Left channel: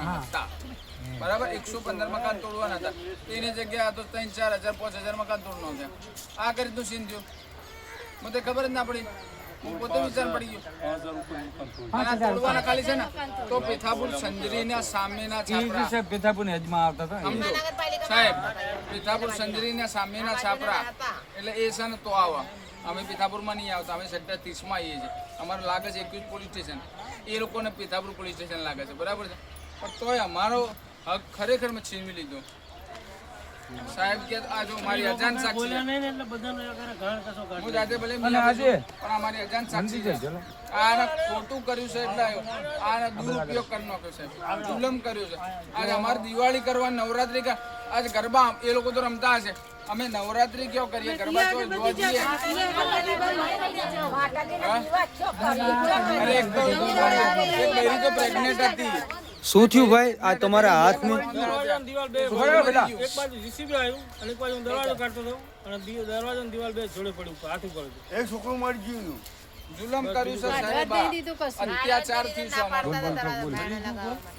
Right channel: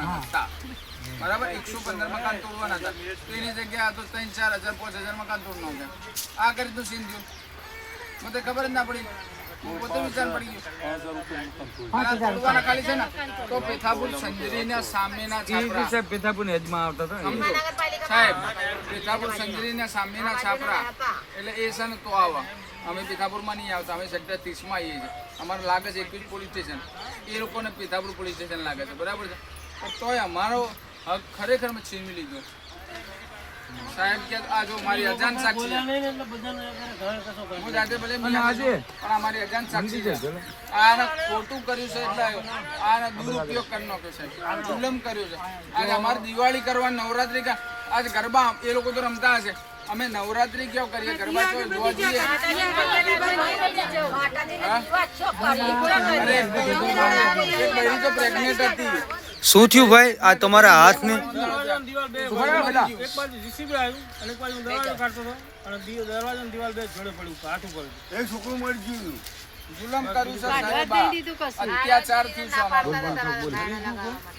તોડવાના હતા, બરાબર 115 મકાન તોડવાના હતા, તો એની જગ્યાએ તો 3-4 હજાર 5,000 મકાન તોડ નાખ્યા. આ કરી તું સીન થયું, મને ખબર જ ના પડી. હું પોતે વિચાર પડી ગયો તોડવાના ખાલી છે ને. તો પેથાપુર સંજરીના સામેના છાપરા, પેથાપુરની હદમાં આવતા હતા સાહેબ, પેથાપુર સંજરીના સામેના છાપરા એટલે એ છે ને તો આવા. અમે પેથાપુરમાં નહીં આવતા, અમે સેક્ટર 30માં આવીએ છીએ. અમારે લાગે છે 21 પોલીસ સ્ટેશન, એ લોકોને પેથાપુર પોલીસ સ્ટેશન લાગે છે, બરાબર છે. પણ તોય અમારો હક ખરેખર મેં છીનવી લીધો. સાહેબ કે આ જો મારી અજાન સાક્ષી હું જાતે ભલે પણ અમારી અજાન સાક્ષી છે. આને ખોટું કર્યું છે એટલે આને દુરુપયોગ કરી નાખ્યો છે, જુલમ કર્યો છે. આજે અમારે દિવાળી કરવા નવરાત્રી કા આજ ગરબા એ લોકો તો રમતા હશે, અમે નવરાત્રી ક્યાં કરીએ, ગરબા તો જોવા જઈએ. પ્રેગ્નેન્ટ હતી. શું થયું ભાઈ આ તમારા હાથને? એક બાજુ જીસીબી આવ્યું અને એક બાજુ દરવાજો કાઢતો હતો અને દરવાજો ને દિવાલ બે જોડે પડ્યું, હાથું પડ્યું. એક છોકરું મરી ગયું. જુલમ કર્યું છે સાહેબ, અત્યાચાર થયું છે અમારો.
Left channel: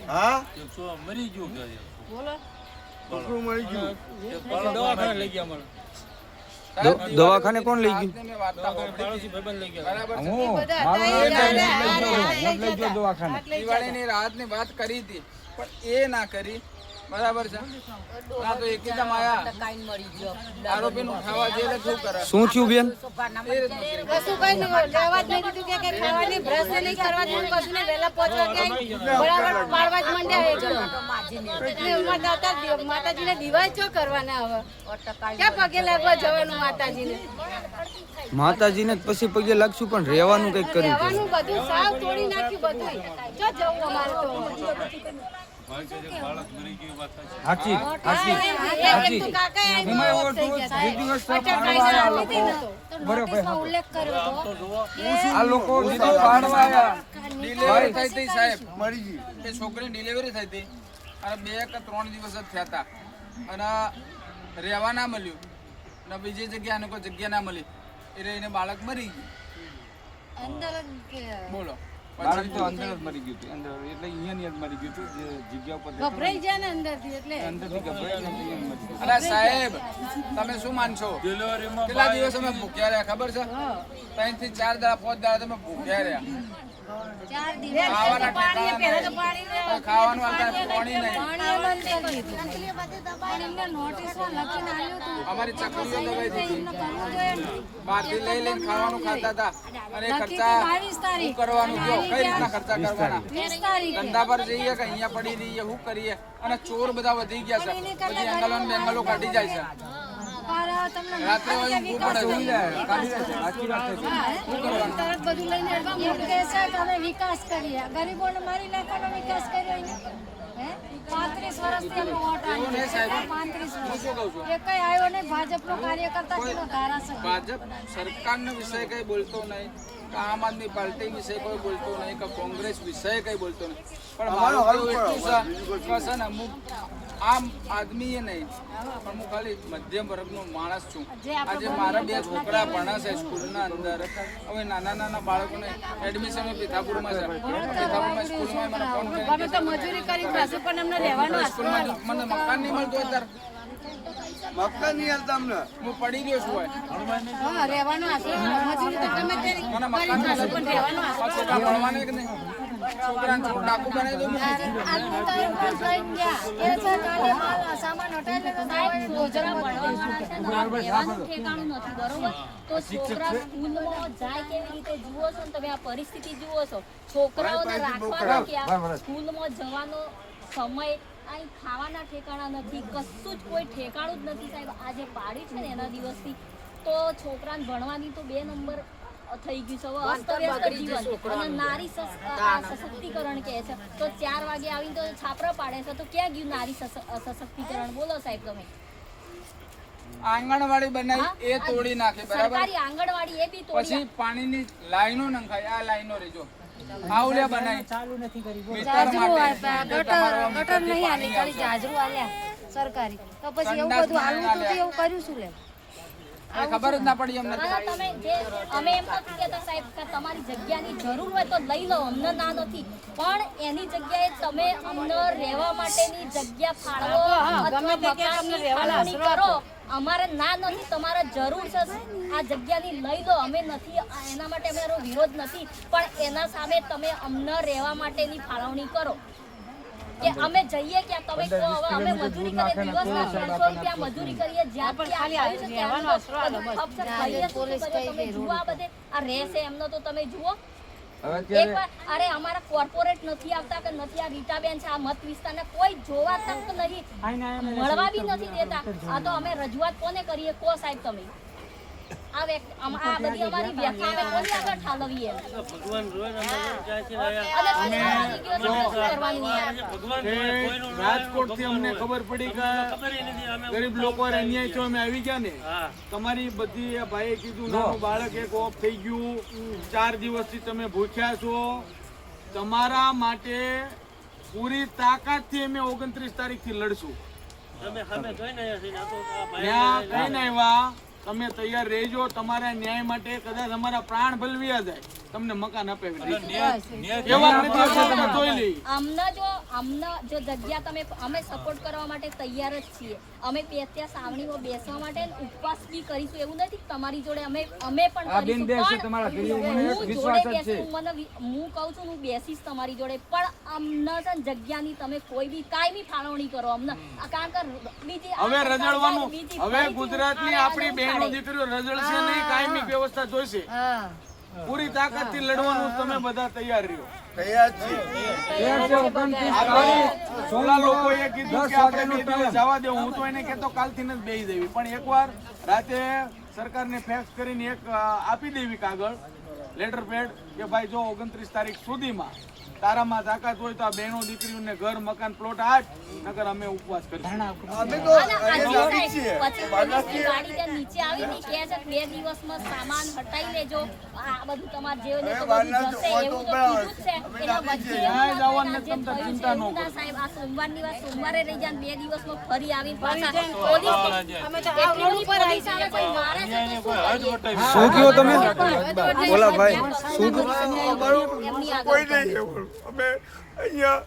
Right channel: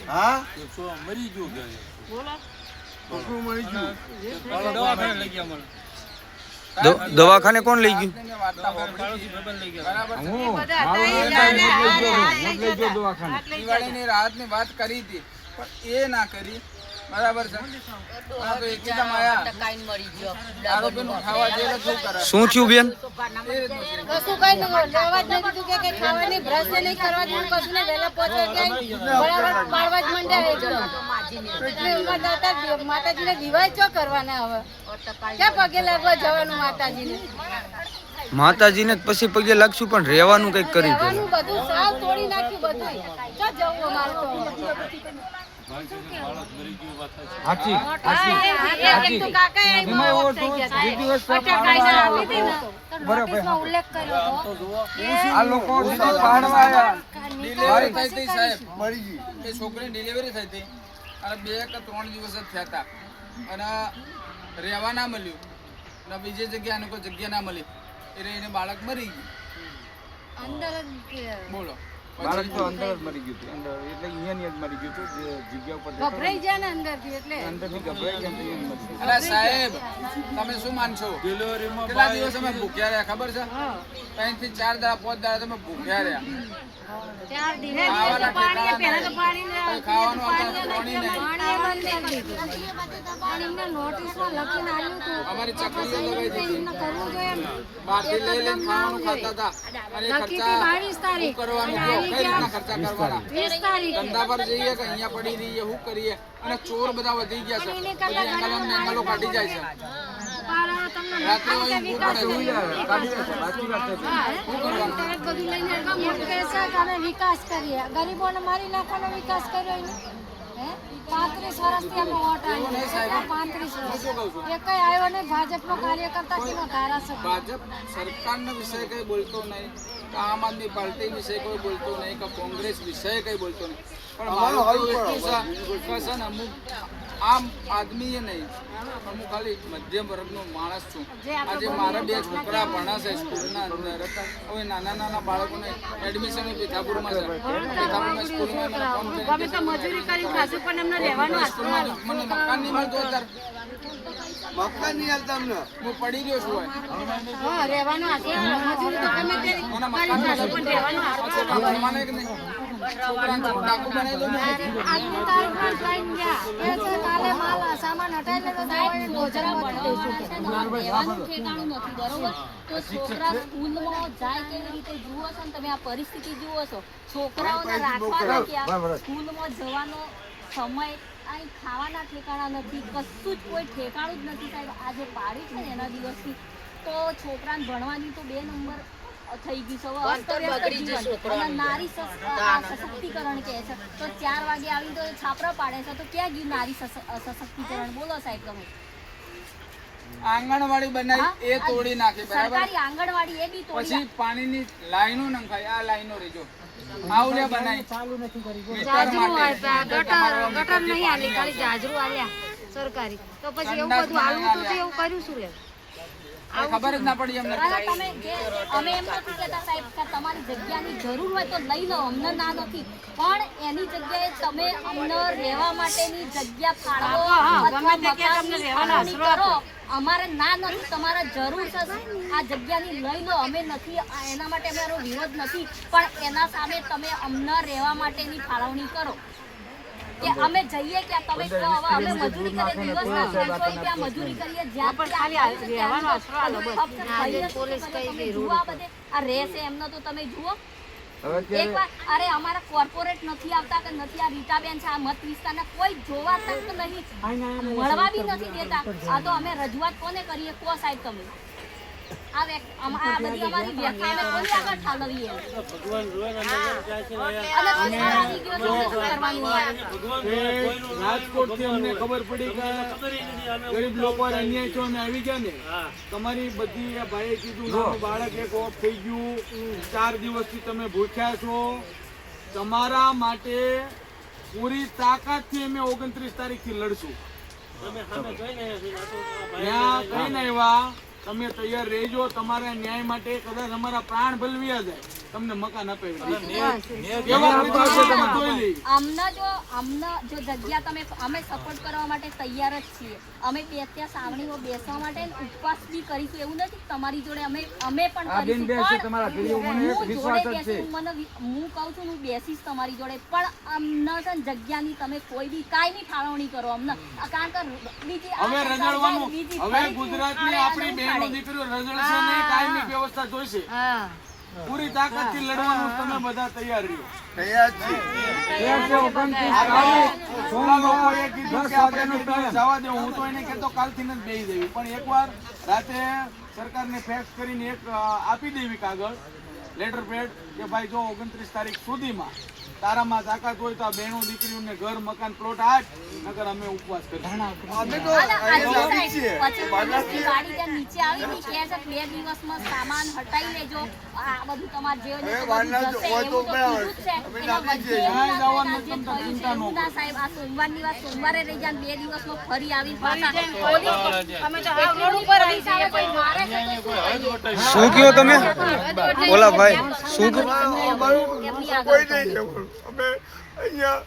હા મરી ગયું છોકરું મરી ગયું. દવાખાને લઈ ગયા મને. દવાખાને કોણ લઈ ગયું? પાડોશી ભાઈબંધ લઈ ગયા. દિવાળીની રાતની વાત કરી હતી પણ એ ના કરી, બરાબર છે. આ તો એકદમ આયા આરોપીનું ખાવા જઈને શું કરે? શું થયું બેન? કશું કઈ નહીં, લેવા જ નહીં દીધું કે ખાવાની બ્રશ નહીં કરવા દીધું, કશું નહીં. વહેલા પહોંચો કે બરાબર પાડવા જ માંડ્યા એકદમ. માતાજીને દિવાળી ચો કરવાના હવે, ક્યાં પગે લાગવા જવાનું માતાજીને? માતાજીને જ પછી પગે લાગશું, પણ રહેવાનું કઈક કરી દે. રહેવાનું બધું સાવ તોડી નાખ્યું બધું. ક્યાં જવું અમારે તો? હાચી હાચી હાચી એમાં એવો તો બે દિવસ બરાબર આ લોકો ડિલિવરી થઈ હતી સાહેબ, મરી ગઈ. એ છોકરીની ડિલિવરી થઈ હતી અને 2 કે 3 દિવસ જ થયા હતા અને રહેવા ના મળ્યું અને બીજી જગ્યાએ કોઈ જગ્યા ના મળી એટલે એને બાળક મરી ગયું. બોલો બાળક તો અંદર જ મરી ગયું હતું, અંદર એટલે અહીંયાની જ મરી ગયું હતું, જે જગ્યા ઉપર ગભરાઈ જાય ને અંદરથી એટલે અંદરથી ગભરાઈ ગયા મરી ગયું. અરે સાહેબ તમે શું માનશો, કેટલા દિવસ અમે ભૂખ્યા રહ્યા ખબર છે? 3 થી 4 દાડા 5 દાડા તમે ભૂખ્યા રહ્યા. 4 દિવસ ખાવાના ઠેકાણા નહીં, કોઈ ખાવાનું આવતા પાણી નહીં. અમારી ચકલીઓ દબાઈ દીધી, બહારથી લઈ લઈને ખાવાનું ખાતા હતા. અને એ ખર્ચા શું કરવાનું, કયો કઈ રીતના ખર્ચા કરવાના? ધંધા પર જઈએ કે અહીંયા પડી રહીએ, શું કરીએ? અને ચોર બધા વધી ગયા છે, બધી એંગલો કાઢી જાય છે. રાત્રે હોય ઊંઘવું પડે છે. વિકાસ કરીએ, ગરીબોને મારી નાખવાનો વિકાસ કર્યો એને. 35 વર્ષથી અમે વોટ આપ્યો, 35 વર્ષ એ કઈ આવ્યો નહીં. ભાજપનો કાર્યકર્તા કેનો ધારાસભ્ય. ભાજપ સરકારનો વિષય કઈ બોલતો નહીં, આમ આદમી પાર્ટી વિશે કોઈ બોલતો નહીં, કે કોંગ્રેસ વિશે કઈ બોલતો નહીં. પણ મારું એટલું છે ને, અમુક આમ આદમી એ નહીં, પણ હું ખાલી મધ્યમ વર્ગનો માણસ છું. આજે મારા 2 છોકરા ભણે છે સ્કૂલના અંદર. હવે નાના નાના બાળકોને એડમિશન પેથાપુરમાં છે, પેથાપુરમાં સ્કૂલમાં મને ફોન કરીને સ્કૂલમાં મને મકાન નહીં મળતું અત્યારે. મકાન નહીં હાલતા અમને. હું પડી ગયો છું. રહેવાનું મને મકાન છોકરા ભણવાને કે નહીં, છોકરાને ડાકુ બનાવી દઉં. સામાન હટાવી તો છોકરા સ્કૂલમાં જાય કેવી રીતે જુઓ છો ને તમે? આ પરિસ્થિતિ જુઓ છો, છોકરાઓને રાખવાના ક્યાં? સ્કૂલમાં જવાનો સમય, અહીં ખાવાના ઠેકાણા નથી, કશું જ કોઈ ઠેકાણું જ નથી સાહેબ. આજે પાડી છે ને એના દિવસથી તો છોકરાને ભણવાની તો 2 નંબર થઈ ગયું છે. નારી સશક્તિકરણ કહે છે તો 4 વાગે આવીને તો છાપરા પાડે છે, તો ક્યાં ગયું નારી સશક્તિકરણ? બોલો સાહેબ તમે. આંગણવાડી બનાવી એ તોડી નાખી, બરાબર? સરકારી આંગણવાડી એ બી તોડી. પછી પાણીની લાઈનો નંખાઈ, આ લાઈનો રેજો આવડે બનાવી ચાલુ નથી કરી. સરકારી તો પછી એવું બધું આવું તો એવું કર્યું શું? એ ખબર જ ના પડી અમને. હવે તમે જે અમે એમ નથી કહેતા સાહેબ કે તમારી જગ્યાની જરૂર હોય તો લઈ લો, અમને ના નથી, પણ એની જગ્યાએ તમે અમને રહેવા માટેની જગ્યા ફાળવો અથવા મકાનની ફાળવણી કરો. અમારે ના નથી, તમારે જરૂર છે આ જગ્યાની લઈ લો, અમે નથી એના માટે અમારો વિરોધ નથી, પણ એના સામે તમે અમને રહેવા માટેની ફાળવણી કરો કે અમે જઈએ ક્યાં તમે કહો. હવે અમે મજૂરી કરીએ દિવસના 300 રૂપિયા મજૂરી કરીએ, જ્યાંથી આવ્યું છે ત્યાંનો ફક્ત ખાઈએ શું કરીએ? તમે જુઓ આ બધે આ રહેશે એમને તો તમે જુઓ એકવાર. અરે અમારા કોર્પોરેટ નથી આવતા કે નથી આ રીટાબેન છે, આ મત વિસ્તારના કોઈ જોવા તક નહીં, મળવા બી નથી દેતા. આ તો અમે રજૂઆત કોને કરીએ કહો સાહેબ તમે? આ બધી અમારી વ્યાખ્યા અમે કોની આગળ ઠાલવીએ? ભગવાન રોય ને નજર જાય છે ને આયા. અને પછી અમારી વિડીયો શું કરવાની યાર? ભગવાન એ કોઈનું રાજકોટથી અમને ખબર પડી કે ખબર ય નથી. અમે ગરીબ લોકો અન્યાય છો અમે આવી ગયા ને. હા. તમારી બધી આ ભાઈએ કીધું નાનું બાળક એક ઓફ થઈ ગયું, 4 દિવસથી તમે ભૂખ્યા છો. તમારા માટે પૂરી તાકાતથી અમે 29 તારીખથી લડશું. અમે સામે જોઈને આવ્યા છીએ. આ તો આ ભાઈ ત્યાં કઈ ના એવા તમે તૈયાર રહેજો. તમારા ન્યાય માટે કદાચ અમારા પ્રાણ બલવ્યા જાય, તમને મકાન અપાવી દઈશું. એવા નથી તો તમે જોઈ લઈ. અમને જો જગ્યા તમે અમે સપોર્ટ કરવા માટે તૈયાર જ છીએ. અમે ત્યાં સાવણીમાં બેસવા માટે ઉપવાસ બી કરીશું. એવું નથી કે તમારી જોડે અમે પણ કરીશું. હું કહું છું હું બેસીશ તમારી જોડે, પણ અમને છે ને જગ્યાની તમે કોઈ બી કાંઈ બી ફાળવણી કરો અમને. કારણ કે બીજી હવે રજળવાનું હવે ગુજરાતની આપણી બહેનો દીકરીઓ રજળશે નહીં, કાયમી વ્યવસ્થા જોઈશે. પૂરી તાકાતથી લડવાનું તમે બધા તૈયાર રહ્યો. સોલા લોકોએ કીધું કે આપણે 2 દિવસ જવા દેવું. હું તો એને કહેતો કાલથી જ બેસી દેવી, પણ એકવાર રાતે સરકારને ફેક્સ કરીને એક આપી દેવી કાગળ લેટર પેડ કે ભાઈ જો 29 તારીખ સુધીમાં તારામાં તાકાત હોય તો આ બહેનો દીકરીઓને ઘર મકાન પ્લોટ આજ, નકર અમે ઉપવાસ કરીશું. ગાડી ત્યાં નીચે આવી ને કહે છે 2 દિવસમાં સામાન હટાઈ લેજો, આ બધું તમારે જે હોય તો બધું જશે એવું તો કીધું જ છે. એના વચ્ચે ક્યાંય જવાનું નથી, તમે થયું છે ચિંતા ન એવું ના સાહેબ. આ સોમવારની વાત સોમવારે રહી જાય, 2 દિવસમાં ફરી આવીને પાછા પોલીસ એટલી પોલીસ આવે કોઈ મારે છે તો શું કયો તમે? ઓલા ભાઈ શું કયો? એમની આગળ અમે અહીંયા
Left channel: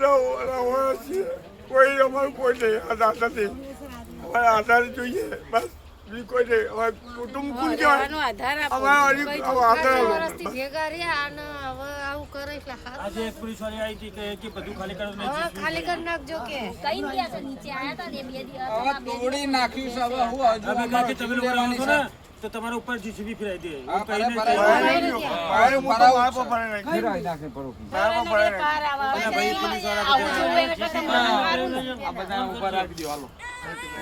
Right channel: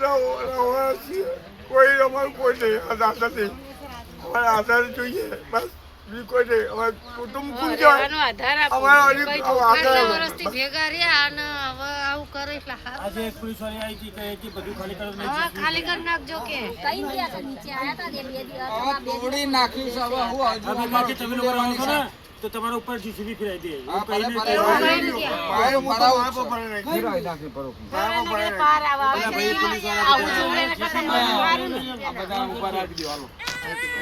રહો છીએ. કોઈ અમારું કોઈ નહીં, આધાર નથી. અમારે આધાર જોઈએ બસ, બીજું કોઈ નહીં. અમારે કુટુંબ કુલ કહેવાય અમારા ભેગા રહ્યા અને હવે આવું કરે એટલે આજે એક પોલીસ વાળી આવી હતી કે બધું ખાલી કરો નહીં. ખાલી કરી નાખજો કે કઈ ગયા છે નીચે આયા હતા ને 2 દિવસ હવે તોડી નાખ્યું છે. હવે હું હજુ તમે અમારે તમે લોકો લેવાની આવો છો છે. ને તો તમારા ઉપર જીસીબી ફેરાઈ દે. હા, એવું કહીને ભરાય, પાર આવા ભાઈ પોલીસ વાળા બધા આ બધા ઉભા રાખી દો હાલો.